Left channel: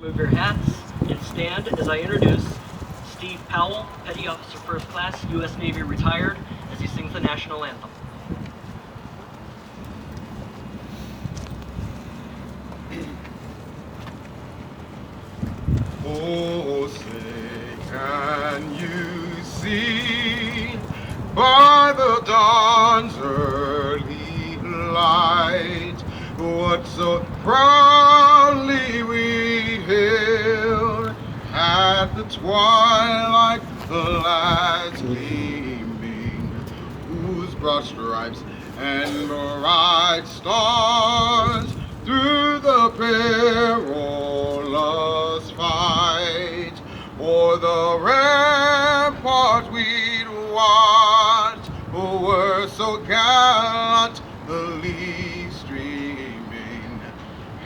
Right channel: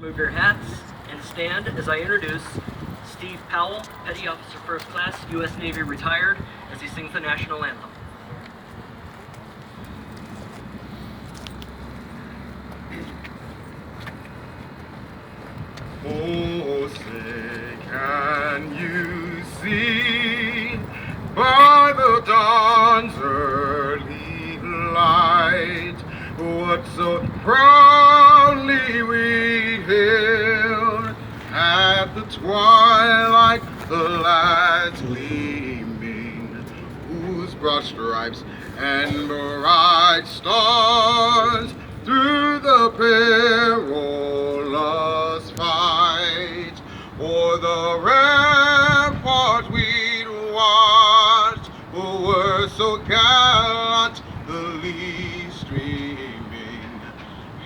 Remove your hats and stand as I introduce Steve Powell, Petty Officer First Class, U.S. Navy retired, as he sings the national anthem. Oh, say, can you see by the dawn's early light what so proudly we hailed at the twilight, the lads gleaming, whose broad stripes and bright stars through the perilous fight o'er the rampart we'd watched were so gallantly streaming,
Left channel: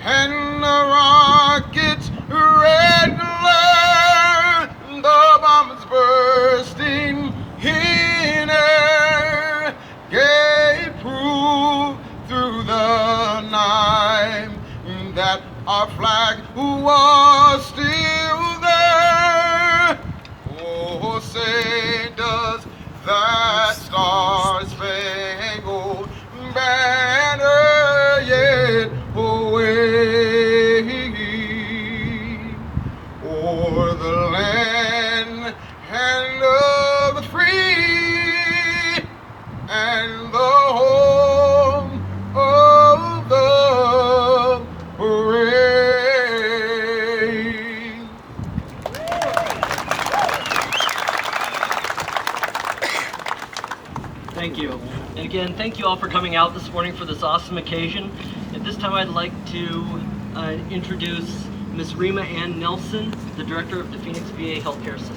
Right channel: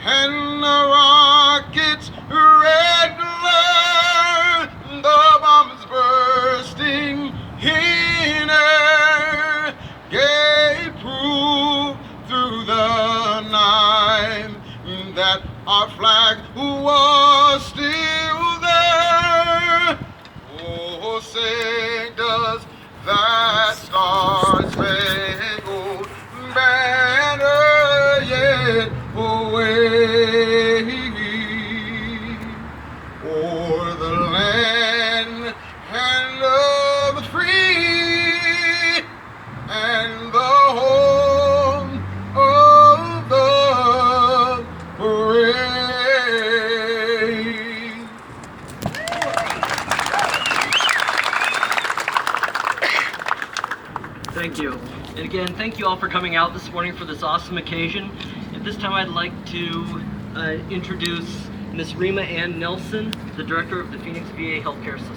and the rocket's red glare, the bombs bursting in air, gave proof through the night that our flag was still there. Oh, say, does that star-spangled banner yet wave o'er the land and of the free and the home of the brave? Thank you. And again, thank you all for coming out this morning for this awesome occasion. At this time, I'd like to introduce Ms. Rima Ann Nelson, the Director of the Phoenix VA Healthcare System.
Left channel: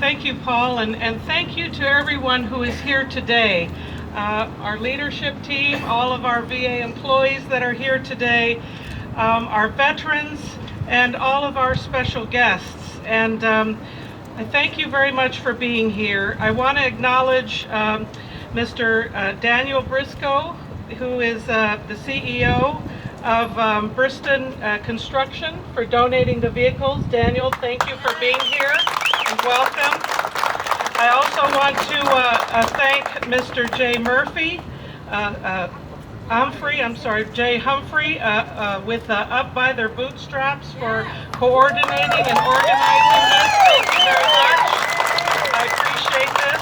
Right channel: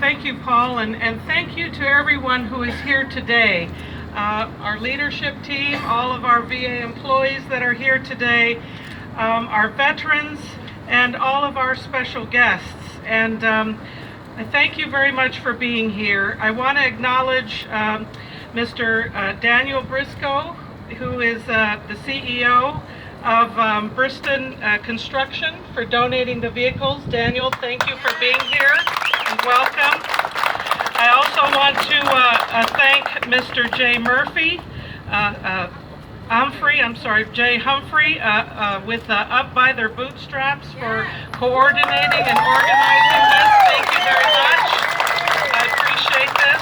Thank you, Paul, and thank you to everyone who is here today. Our leadership team, all of our VA employees that are here today, our veterans, and all of our special guests. And I thank you very much for being here. I want to acknowledge Mr. Daniel Briscoe, who is the CEO of Bristol Construction, for donating the vehicles. Daniel, thank you for being here and welcome. I also want to thank Mr. Jay Humphrey with Up by Their Bootstraps for coordinating and organizing this. Thank you very much. I appreciate this.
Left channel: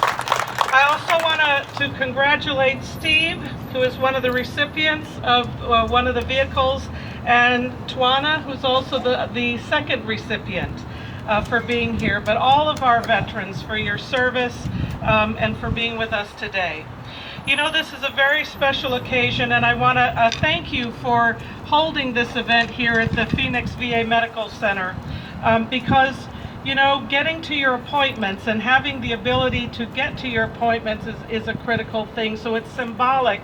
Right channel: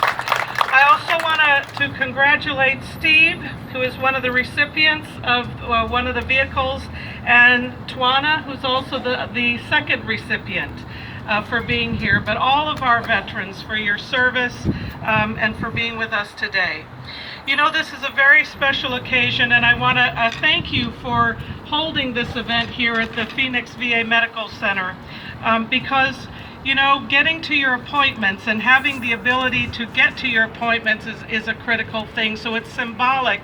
I also want to congratulate Steve, who is one of the recipients of one of the vehicles, and Twana, who's also the second recipient, for being here, but all of our veterans for your service and for being with us today. You know, this is a very special occasion, and I want to thank you for holding this event here at the Phoenix VA Medical Center, because, you know, getting to your appointments and having the ability to get to your appointments is a critical thing. So it's symbolic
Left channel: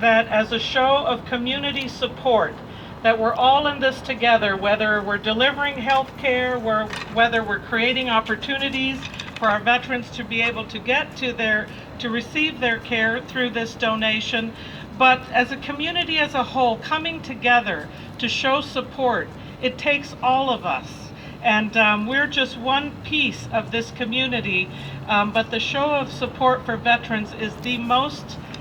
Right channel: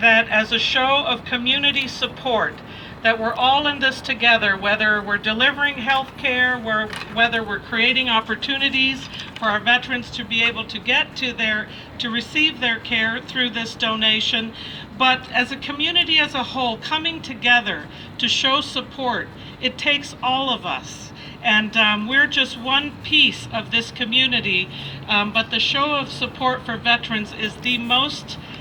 that, as a show of community support, that we're all in this together, whether we're delivering health care, whether we're creating opportunities for our veterans to be able to get to receive their care through this donation, but as a community as a whole, coming together to show support. It takes all of us. And we're just one piece of this community, but the show of support for veterans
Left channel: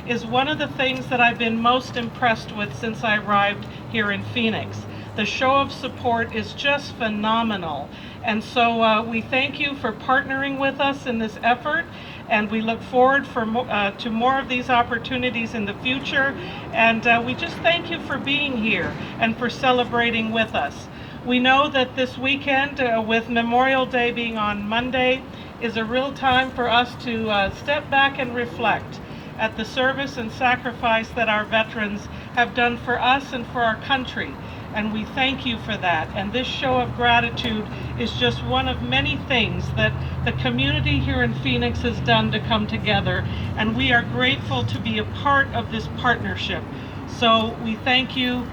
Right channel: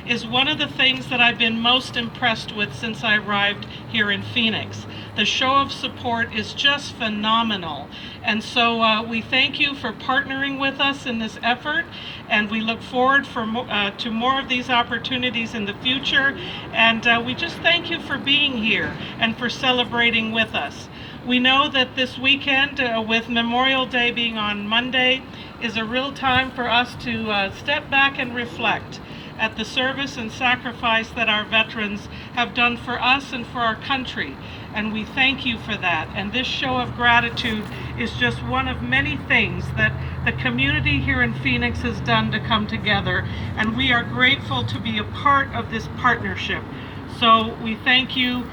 is one of the things that I've been most impressed with since I arrived here in Phoenix. The show of support is just phenomenal. And so we thank you for partnering with us in this effort, and we look forward to more of these opportunities in the future. And we just thank you for being here and for celebrating with us. We know that this weekend, with Memorial Day being on Monday, is a real time for us to step back and reflect at the service and sacrifice that our veterans have done for us and for our country. And we thank you for that. And this show of gratitude is just one of many things that the community here in Phoenix has done to come together. And we are grateful to be a part of this partnership. So we thank you.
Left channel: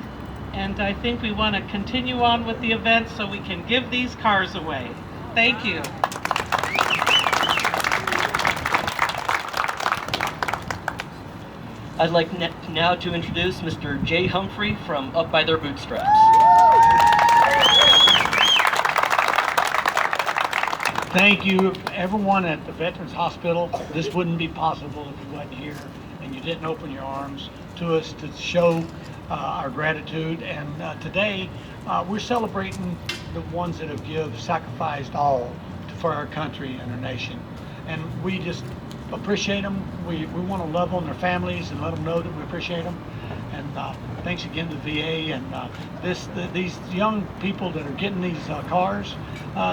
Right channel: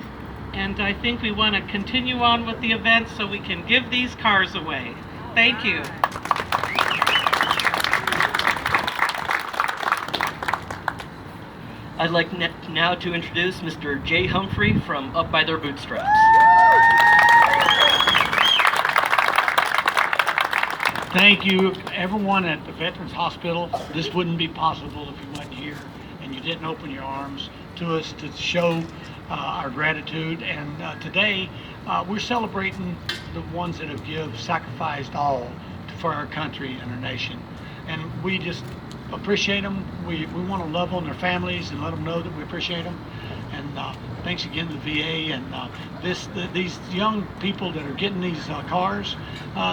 And I think we want to continue on with the event so we can give these cars away. Thank you. I'd like now to introduce Mr. Jay Humphrey from Up by Their Bootstraps. Thank you, everyone at the Veterans Hospital. This wouldn't be possible if you wasn't here and you didn't open your arms to us to show our gratitude. And today, we're celebrating the ones that have sacrificed all for our country and our nation. And we just appreciate them. We want to love on their families and let them know that we appreciate them. And thanks again to the VA and these young people that are getting these cars.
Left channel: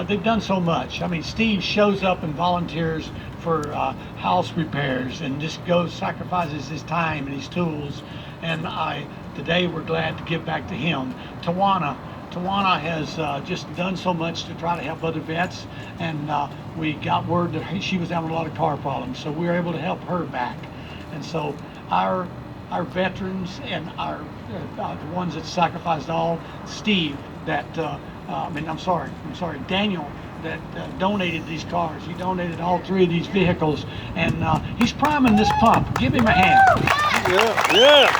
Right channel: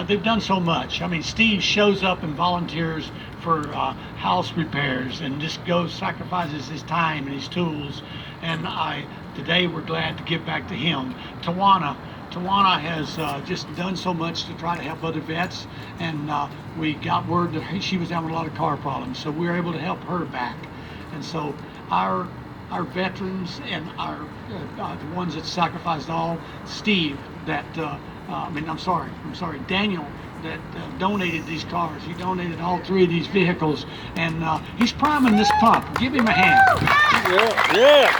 They've done so much. I mean, Steve shows up and volunteers for house repairs and just sacrifices his time and his tools. And today we're glad to give back to him. Tawana has just done so much to try to help other vets, and we got word that she was having a lot of car problems, so we were able to help her back. And so our veterans and the ones that sacrificed all, Steve, Daniel, that donated these cars. He donated all 3 of these vehicles, and he's priming this pump. Give him a hand. Yeah.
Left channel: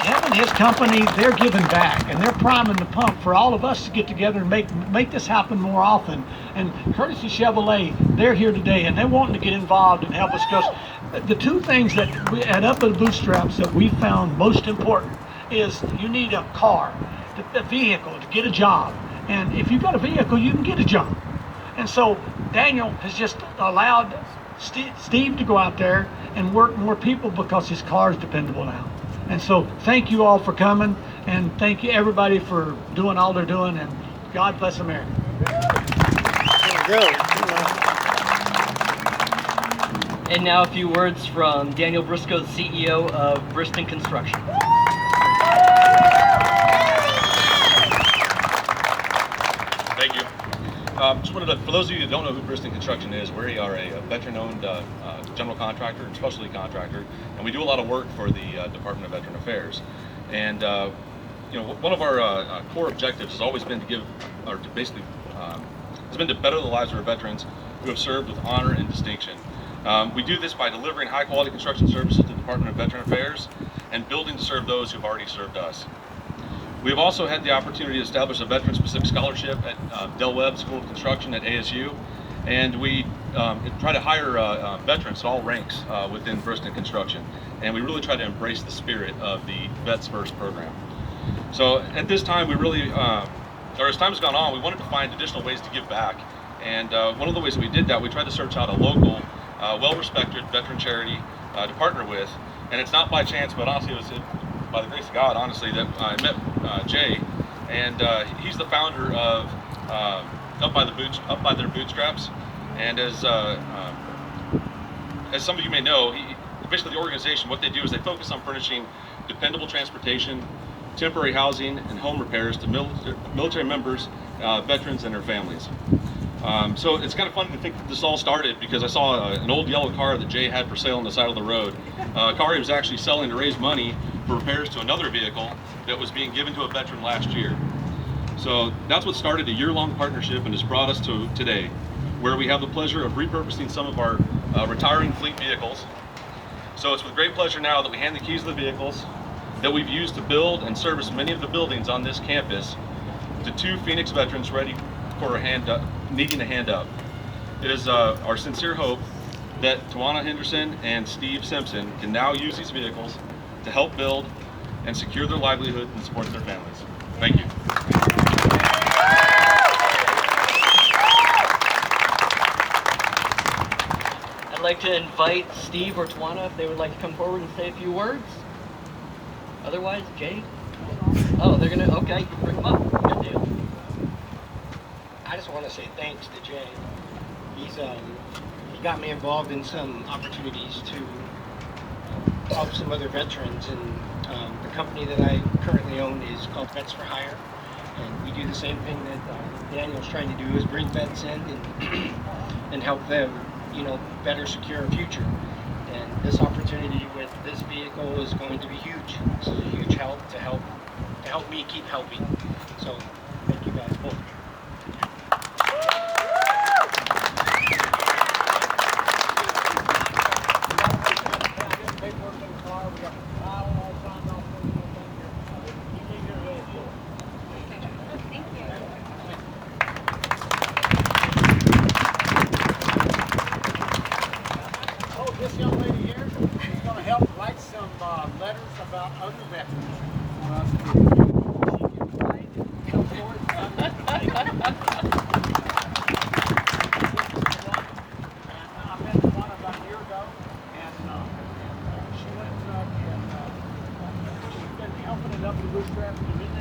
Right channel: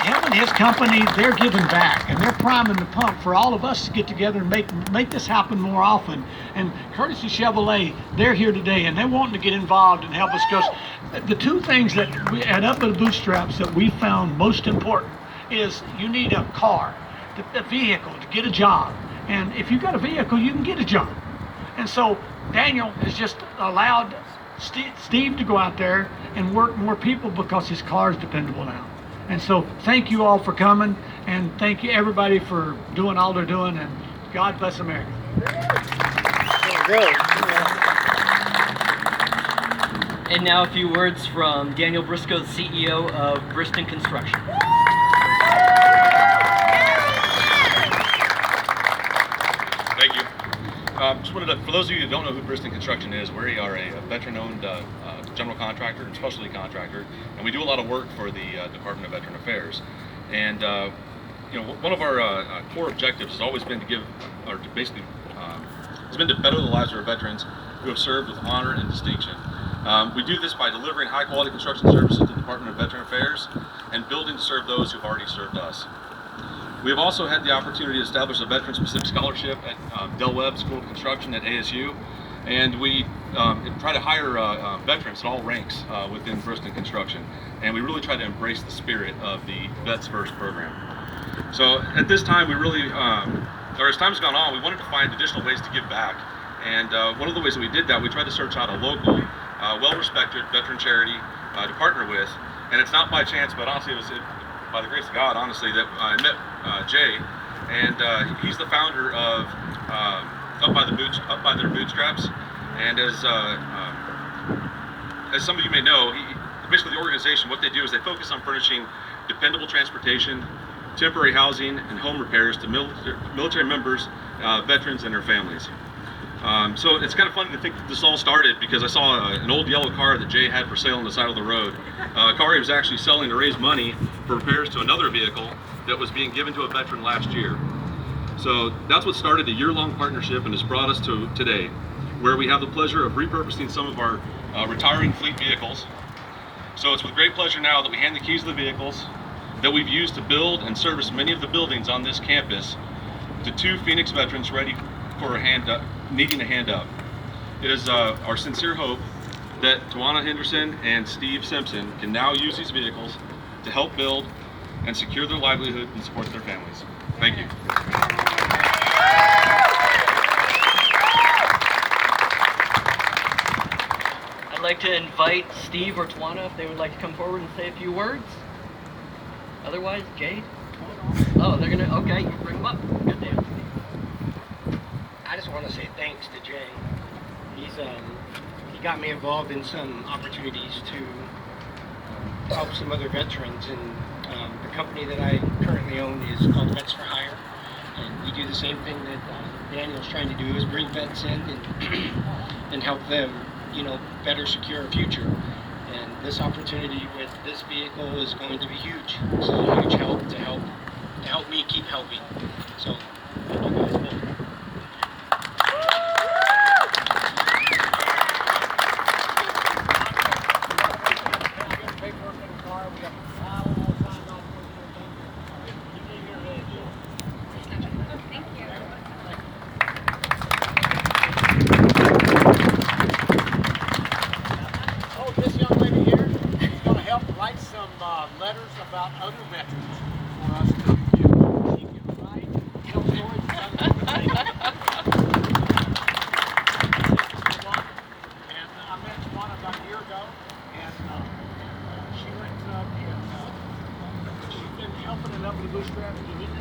Him and his company, they're giving back, and they're priming the pump for all of us to get together and make this happen more often. And Courtesy Chevrolet, they're here today, and they're wanting to get involved and help us, because the 2 things that we add up with the bootstraps that we found most important is you need a car, a vehicle to get a job. And if you've got a vehicle, you can get a job. And so Daniel has just allowed Steve to go out there and work more people because his car is dependable now. And so thank you all for coming, and thank you everybody for doing all they're doing, and God bless America. And now a few words from Daniel Briscoe, the CEO of Briston Construction. Thank you. Just wanted to, for those of you who don't know who Briston Construction is, we are a veteran-owned general contractor and specialty contractor, and we do a lot of work for the Department of Veteran Affairs. And one of our core objectives has always been to give, or to basically, has been to better the lives of our veterans who have served with honor and distinction. We do this by delivering high-quality construction services to the Department of Veteran Affairs and building to serve those who've already served us. We have also had the opportunity to establish a veteran-specific scholarship at Del Webb School of Construction at ASU, and we try to hire veterans at all ranks within Briston Construction, and we really try to embrace the spirit of the Vets First program. So at this time, we really, or as time's gone on, we wanted to find additional ways to give back, and one of the ways that we did that, we tried to search out a local, well-respected veteran charity to partner with, and it's not by chance, but honestly, it was by the grace of God, honestly, that I met Jay, and he's the founder of Up by Their Bootstraps. And as some of you may know, basically the organization, what they do is they focus on furnishing dependable transportation, temporary housing, and home repairs to military members, veterans, and their families. So it's kind of funny to think that this all started because I saw an old yellow car that Jay had for sale on the side of the road. A car he was actually selling to raise money for repairs to another vehicle that was being given to a veteran last year. So that's what started a year-long partnership and has brought us to today, where we have the pleasure of repurposing some of our retiring fleet vehicles. So it's with great pleasure now that we hand the keys to the vehicles that we've used to build and service many of the buildings on this campus to 2 Phoenix veterans ready for needing a hand up. It is our sincere hope that Tawana Henderson and Steve Simpson can now use these vehicles to help build and secure their livelihood and support their families. Thank you. I'd like to invite Steve or Tawana if they would like to come forward and say a few words. Otherwise, Jay? Oh, they're gonna, okay, you bring them up. Good deal. I just want to say thanks to Jay. He got me involved in some opportunities to help some other veterans, and the company that I currently own is called Vets for Hire, and we do the same thing that Daniel's trying to do, is bring vets in and help them, better secure a future. And this opportunity with this vehicle is going to be huge. This is a huge help to help me keep helping. So thank you guys both. smiling all signed off for you. You leave here today, too. Thank you. Oh, this young lady here is going to help write some letters about other veterans for us. She can write and tell stories about and I met Tawana about a year ago, and she went up and she's been helping it up with the bootstrap. She didn't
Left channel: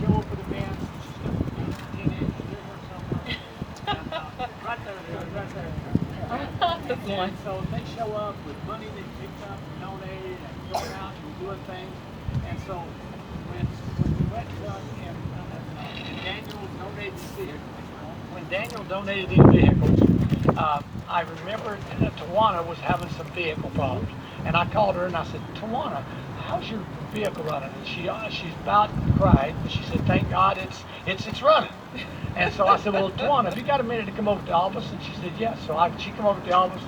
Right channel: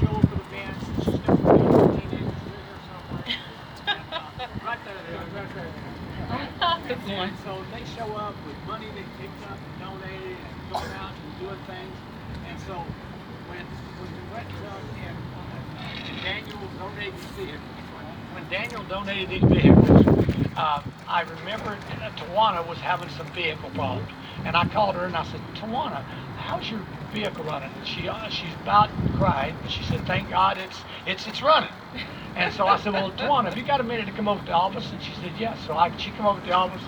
show up for the bands. She's going to be a teenager. She's here somewhere. And, right there. And so they show up with money they picked up and donated and going out and doing things. And so when we went and Daniel donated these vehicles, when Daniel donated these vehicles, I remembered Tawana was having some vehicle problems. And I called her and I said, Tawana, how's your vehicle running? And she's about cried, but she said, thank God it's running. And so I said, well, Tawana, have you got a minute to come over to the office? And she said, yes. So she came over to the office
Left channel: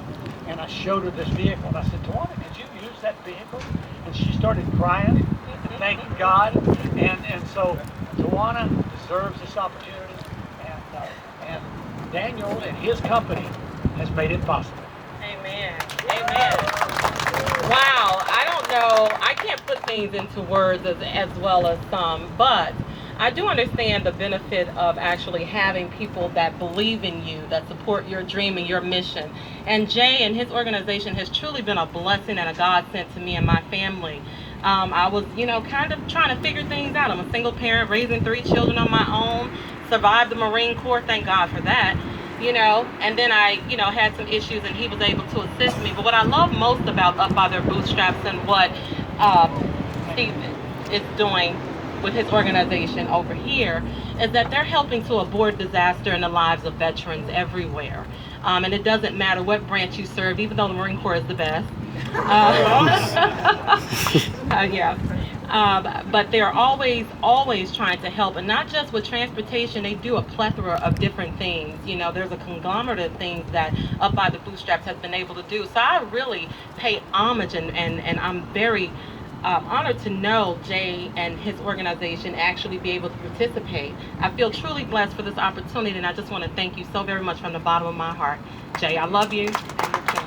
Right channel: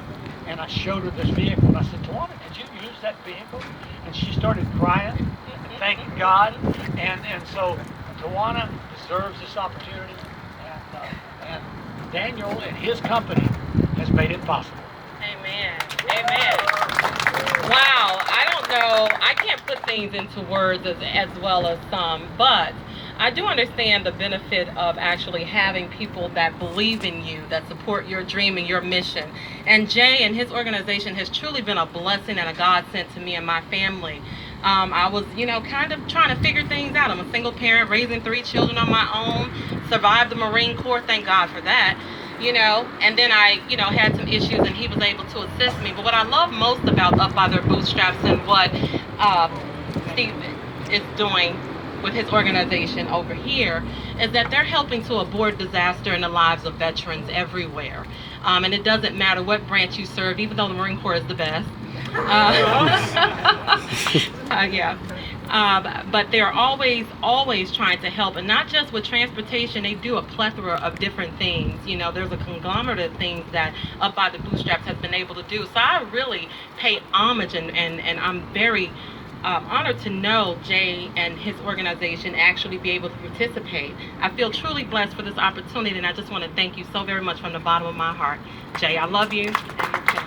and I showed her this vehicle. And I said, Tawana, could you use that vehicle? And she started crying and thanking God. And so Tawana deserves this opportunity. And Daniel and his company has made it possible. Amen. Amen. Wow. I don't know. I can't put things into words as well as some, but I do understand the benefit of actually having people that believe in you, that support your dream and your mission. And Jay and his organization has truly been a blessing and a godsend to me and my family. I was, kind of trying to figure things out. I'm a single parent, raising 3 children on my own, survived the Marine Corps, thank God for that. And then I, had some issues and he was able to assist me. But what I love most about Up by Their Bootstraps and what Steve is doing with his organization over here is that they're helping to avoid disaster in the lives of veterans everywhere. And it doesn't matter what branch you serve, even though the Marine Corps is the best. Yeah. But they're always trying to help, and not just with transportation. They do a plethora of different things. There's a conglomerate of things that Up by the Bootstraps has been able to do. So I really pay homage, and I'm very honored to know Jay and his organization actually be able to participate. I feel truly blessed for this opportunity, and I just want to thank you so very much from the bottom of my heart. Jay, I love you. And your family.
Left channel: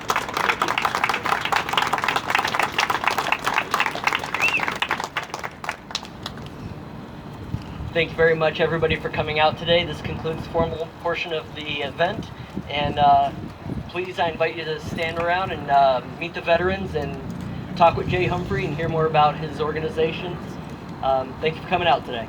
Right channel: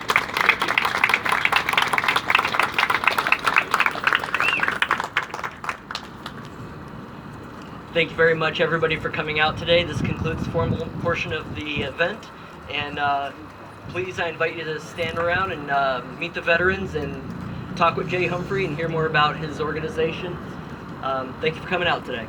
Thank you very much, everybody, for coming out today. This concludes the formal portion of the event. And please, I invite you to stand around and meet the veterans and talk with Jay Humphrey and hear more about his organization. Thank you for coming out today.